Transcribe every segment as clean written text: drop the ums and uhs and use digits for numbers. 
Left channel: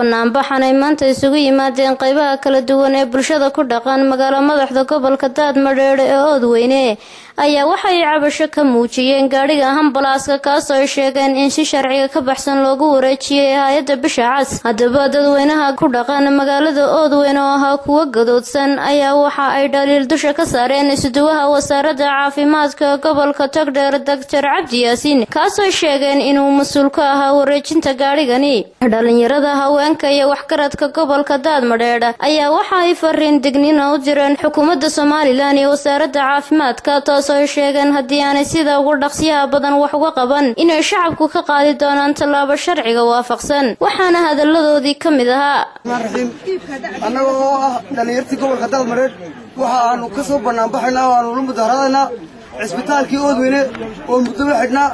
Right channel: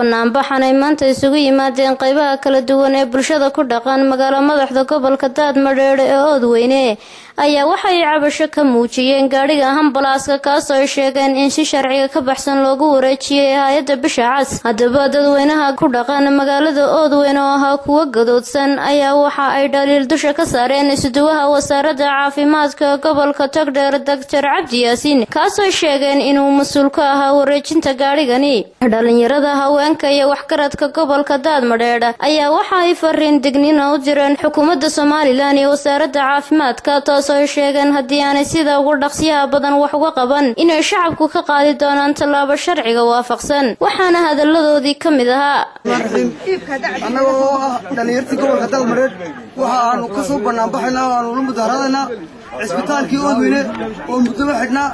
banaanbaxan ay maanta isugu yimaadeen qaybaha kala duwan ee bulshada ku dhaqan magaalo madaxda gobolka Daadmadheedhe ee Oodweyne ayaa waxay cabasho ka muujiyeen gaariga ambalaaska kaas oo ay sheegeen in si sharciga ka baxsan loogu wareejiyay hay'adda Bisha Cas. Haddaba dadweynaha ku dhaqan magaalada Oodweyne oo ahaa kuwa gadoodsan ayaa waxa ay dhaliil dusha ka saareen isuduwaha wasaaradda caafimaadka gobolka Togdheer Dr. Cabdi Yaasiin kaas oo sheegeen inuu mas'uul ka ahaa wareejinta gaarigani. dhalinyarada haweenka iyo waxgaradka gobolka Daadmadheedhe ayaa waxa ay fariin digniin u direen xukuumadda Soomaaliland iyo wasaaradda caafimaadka taas oo sheegeen haddii aanay sida ugu dhaqsiyaha badan wax uga qaban inay shacabku ka qaadi doonaan tallaabo sharciga waafaqsan. waxaana hadaladoodii ka mid ahaa annagoo ah dhalinyartii gobolka Daadmadheedhe waxa aanu ka soo banaanbaxaynaa oo aanu la mudaharaadaynaa cisbitaalkii Oodweyne oo muddo xidhnaa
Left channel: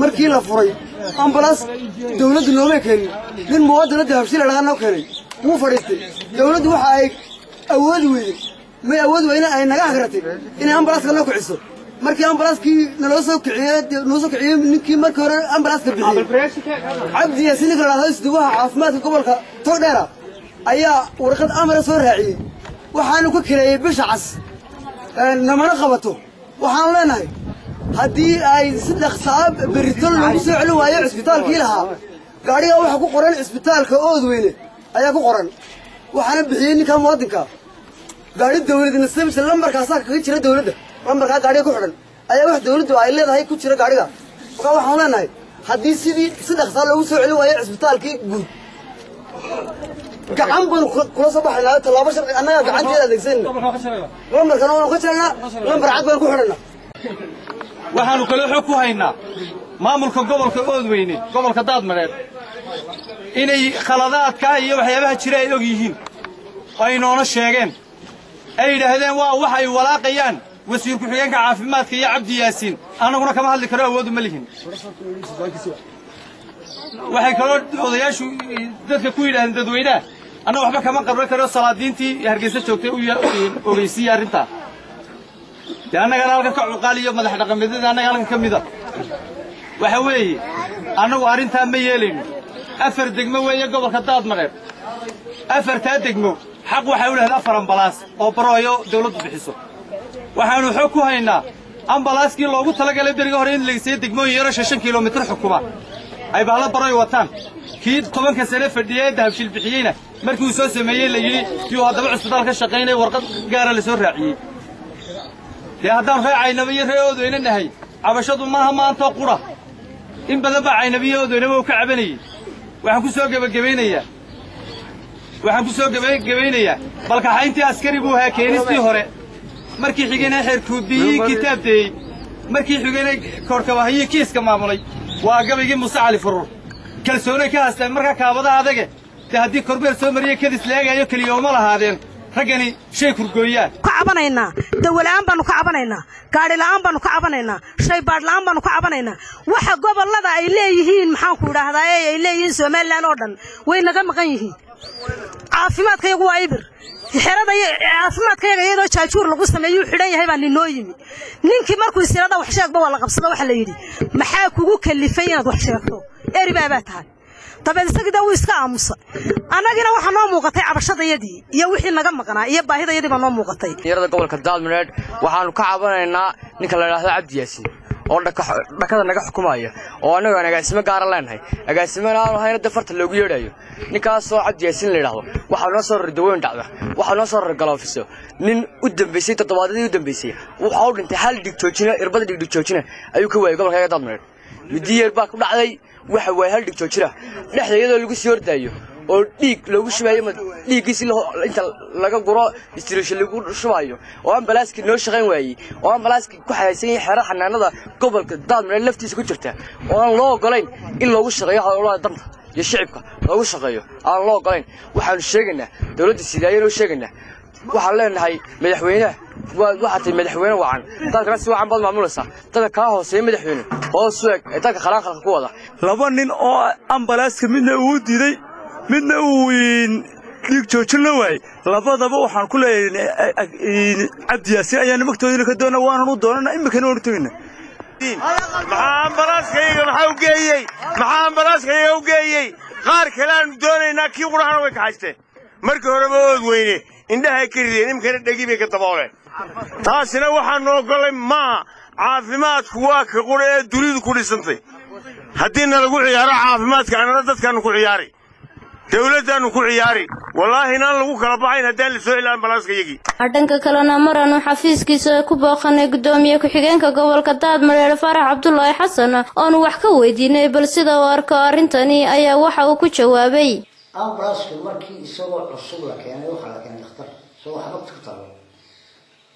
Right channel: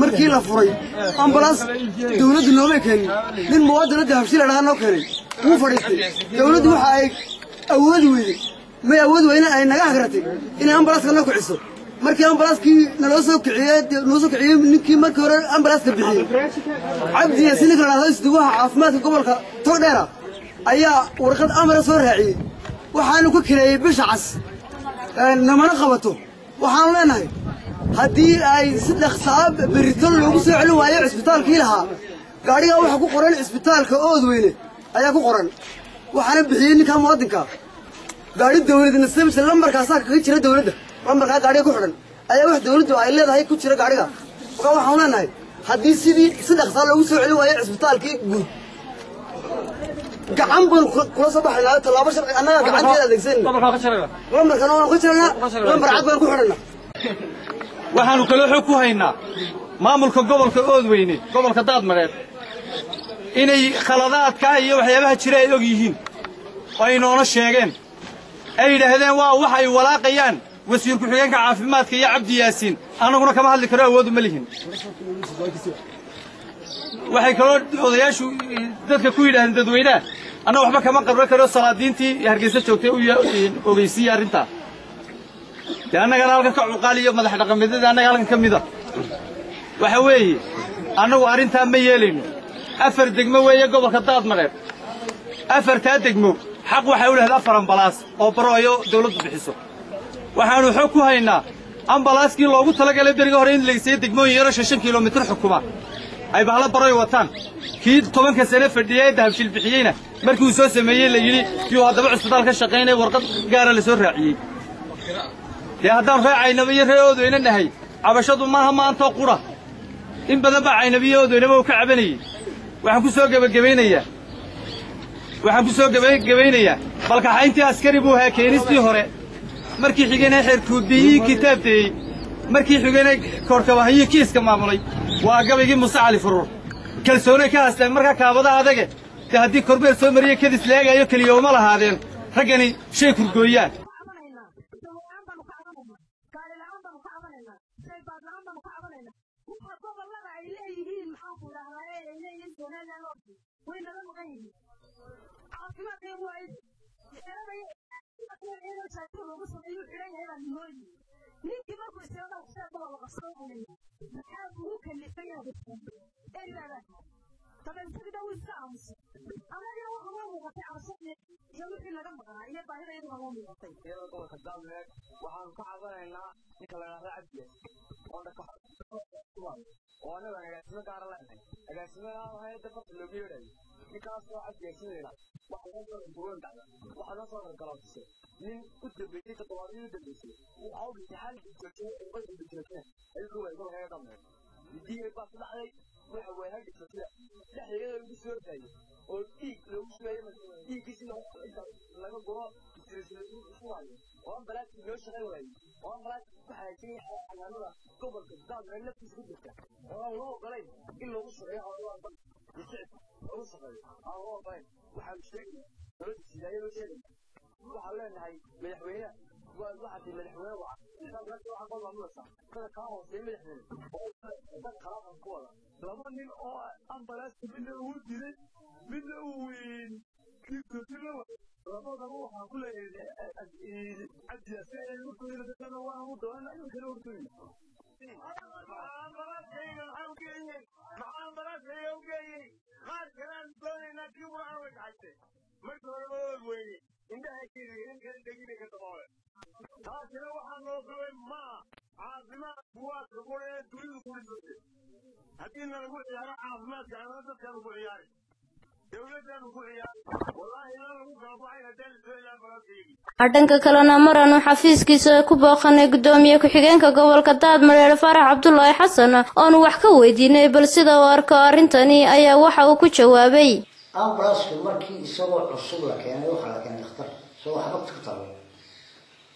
markii la furay ambalaas dawladdu nooma keenin nin muwaadinada habshiil dhaqan keenay wuu fadhiistay dawladdu waxa ay awood weyne ay naga hagratay in ambalaaska la kiciso markii ambalaaskii naloo soo kiciyay ninkii markii hore ambalaaska bixiyay Cabdi Yaasiin kala isuduwaha caafimaadka gobolka Togdheer ayaa warqad amar soo raaciyay waxaanu ku kireeyay Bisha Cas namana qabato waxaan leenahay haddii ay si dhaqsaab baritaan lagu soo celin waayo cisbitaalkii lahaa gaariga waxa ku qoran cisbitaalka Oodweyne ayaa ku qoran waxaana bixiyay ninka muwaadinka gaari dawladna sababta lambarkaas ka jira dawladda lambarka gaariga ku xiran ayaa wax dawladdu ay leedahay ku jira gaariga waxaan leenahay haddii si dhaqsaab lagu soo celin waayo cisbitaalkii guud gacan baan kula soo baxnaa talaabo sharci annaga gacanteeda adeegsan lambarkan oo ku jirana lambar cad baan ku xidhanaa waxaanu kala xog ku haynaa maamulka gobolka Oodweyne gobolka Daadmadheedhe inay khaladaadka iyo waxyaabaha jira ay og yihiin ay noona sheegeen ay yiraahdeen waa wax ay walaaqayaan wasiir ku xigeenka caafimaadka iyo Cabdi Yaasiin anaguna kama hadli karo awood uma lihin waxay kala odayaashu dadka ku yiraahdeen dadweynaha أنا وحبا كمان قبل كده صلادينتي هرجيسة شوكتي وجيسي أرنتا. لأن أنا قال لك عقالي يوم مدح رقم مدة أنا قال لك كم مدة. وحوي أنا وأرنتا ميالين. أفر دقمة ويا قبل خطاب مريب. أفر تادقمة حق وحول هذا أفر أمبلاس أو برايو دولة بحسه. وحنو حكوا هنا أمبلاس كي لو قلت لك اللي درجة هرين اللي يصير دقمة يرى 6 كيلومتر حكومة. أي بحلا برايو وطن. كيد طبعا كسنة فردية ده في البحيينة. مركز سوسة ميل اللي يو هذا بعض الصدار كشقينة ورقة جار اللي سر رعي. يا هذا رفع عينبيه رياض وين النهي. عبشة ما أنت قرة. إن بدأ عينبيه ودين ما وكعبني. وحكوا سوق بالجبينية. وحكوا سوق بالجبينية. بلك حينتي عسكري بوها كينستي هراء. مركي حجنا حركودي كتابتي. مركي حجنا كركبة هي كيس كمامولي. وعقب يجي مساعد فرور. كلسونة كاس مركا كابدا هذاك. هذه كربير سومرية كذا سلاجة يأكل يوم الله هذين رجعني شيء كرجويات. كعبنا دول الآن بنو كعبنا كاري الآن بنو كعبنا شيء بار الآن بنو كعبنا واحد قبل الله إليه محاكورة هذا إليه سومال لانودن وين نجم غيه عافيمات كي هو عبر حرادة عافيمات كي غيره شاشور لقصة ما يحريه هاي بني نويمي نينك مركو سيرada وحشاك بولا قبصة وحلا يدي محاكو كلفينا وحشاكتو إيري باباتها طبعا سجدة ويسكا أمس أنا جينا وحنا موقتي عبشة يدي يا وحي نجم قنا يا باهي يدي بنا موقتي يرد قبل كدادمدheedhe waxaanu ka cabanayna ninka la yiraahdo Cabdi Yaasiin oo dhakada naga xukumaaya oo anaga agaasimo gaar leenahay agaasimaha aan hayna dafarta loogu yeedhayo ninkaas oo Cabdi Yaasiin la yiraahdo waxa noo soo ridaweyn dhacda waxa noo soo galoofiso nin u dambeysay toddobaadadii u dambeysay waxa uu dhintay hal dhigjoojina irbada dhigjoojina ayuu ka waayay gobolka Daadmadheedhe midiyar baa ku dhacday waxa way hal dhigjoojina dhexdeeda lagu soo ordaayo oo dhiig lagu shubayo dhiigiisi inta laga guro distribution lagu shubayo oo ambalaaski noo shaqeyn waayay oo ambalaaski ku xayaysan xeer xanaanada gobolka Daadmadheedhe laftiisa ku jirta oo aan loo ogolayn in lagu shaqeeyo hawlaha danta iyo shacabka lagu shaqeeyo aan loo ogolayn waxaan sheegaynaa dawladda sidaayeen oo sheegaynaa waxaan leenahay madaxweynaha waxaad madaxweyne wacan dadka si wacan baad maamulaysaa dadka ka hooseeya madaxweyne oo suuq dadka khalaanka ku wada laba nin oo ambalaaska midna uu diiday midna uu dhiig joojin la waayay labadaba waxaan ku leeyahay Cabdi Yaasiin ayaan magtoodina ka doonaa waan u doonaa imikana waan tagayna maxaa ambalaaskayga maxaa u geeyay qaar kale aanu doonaynaa kii qurahana way kaxaysteen markii horeba ood weyne indhahay ka rideen imkana dhegi bay ka dabooleen taasina waxaanu oggolay maaha caafimaadku waa ka qura ee dunidu ku dhisantay haddiina lagu ciyaaro caafimaadka annana dadkaannu ku ciyaari dawladdaannu ku ciyaari wallaahi inaan lagu kala baxayn haddaan la soo celin ambalaaska yagii dhanka kalena maranu xafiiskiisa ku booqanay gudoomiye ku-xigeenka gobolka daadmareere Faarax Cabdullaahi Xasan oonu wax ka weydiinay bal sida uu arko arrintani ayaa waxa uu ku jawaabay ambalaaska markii isagoo cusub la keenay waxa la keenay dhakhtar soo waxba ka taalo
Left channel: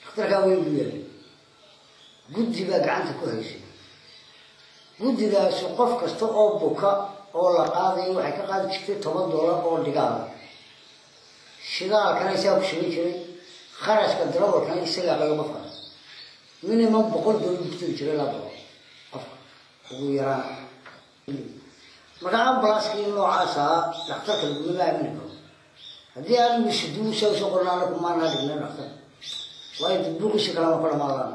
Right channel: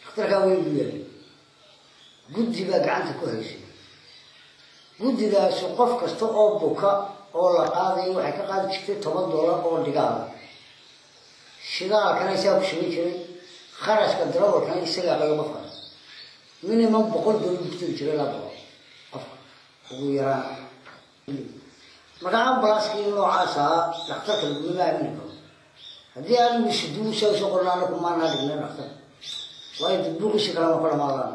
dhakhtarka way biyay guddiga gacanta ku haysay guddigaas qof kasta oo buka oo la qaaday waxay ka qaadi jirtay $10 oo dhigaal shidaalkana isaga ku shaqeyn jiray kharashka darawalkana isaga laga qofka minimum $100 ku jiray la baro qofka ugu yaraan marka ambalaaskii noocaas ah dhakhtarka lagu maamin karo haddii aan mishiduu soo qornaana kuma naadina dhakhtar way buuqisi kala ma kala maalaan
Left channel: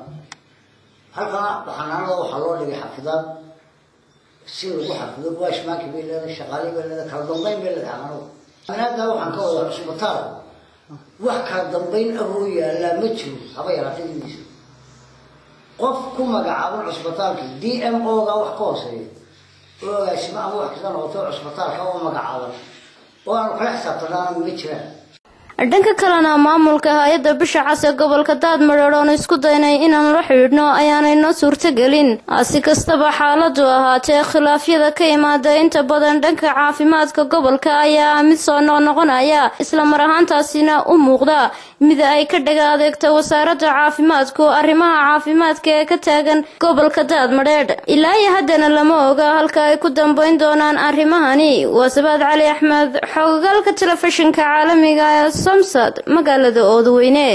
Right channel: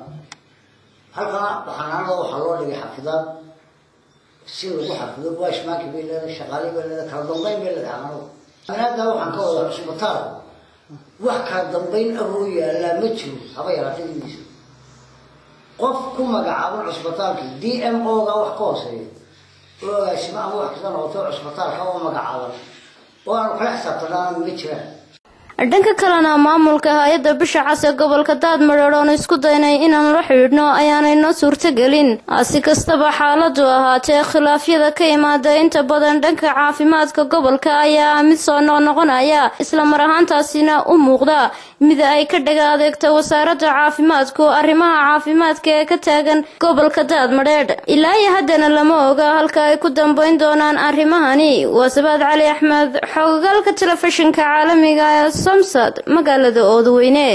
halka waxaana waxa loo dhigay xafidaad si lagu xafido waashmaanka beelada shaqaale beelada kala dambeyn beelada amano anada waxaan ka wada cusbitaal wax kala dambeyn abuu yaala ma jiro haba yaraatadiisa qof ku magacaaban cusbitaalka DMO ga wax ka hooseeyo oo asma wax ka noqoto cusbitaalka oo magacaaban oo aan kala xisaabtanaan ma jiraan dhanka kalena maamulka hay'adda bisha cas ee gobolka Daadmareer oo isku daynay inaan la xiriirno ayaanay noo suurtagelin si kastaba xaaladu ahaatee khilaafyada ka imaada inta badan dhanka caafimaadka gobolka ayaa mid soo noqonaya isla mar ahaantaasina u muuqda mid ay ka dhaga adeegto wasaaradda caafimaadku arrimaha caafimaadka ee ka taagan gobolka Daadmareer ilaa haddana lama oga halka ay ku dambeyn doonaan arrimahani Wasabaad Cali Axmed xoggalka telefishinka caalamiga ee Samsad magaalada Oodweyne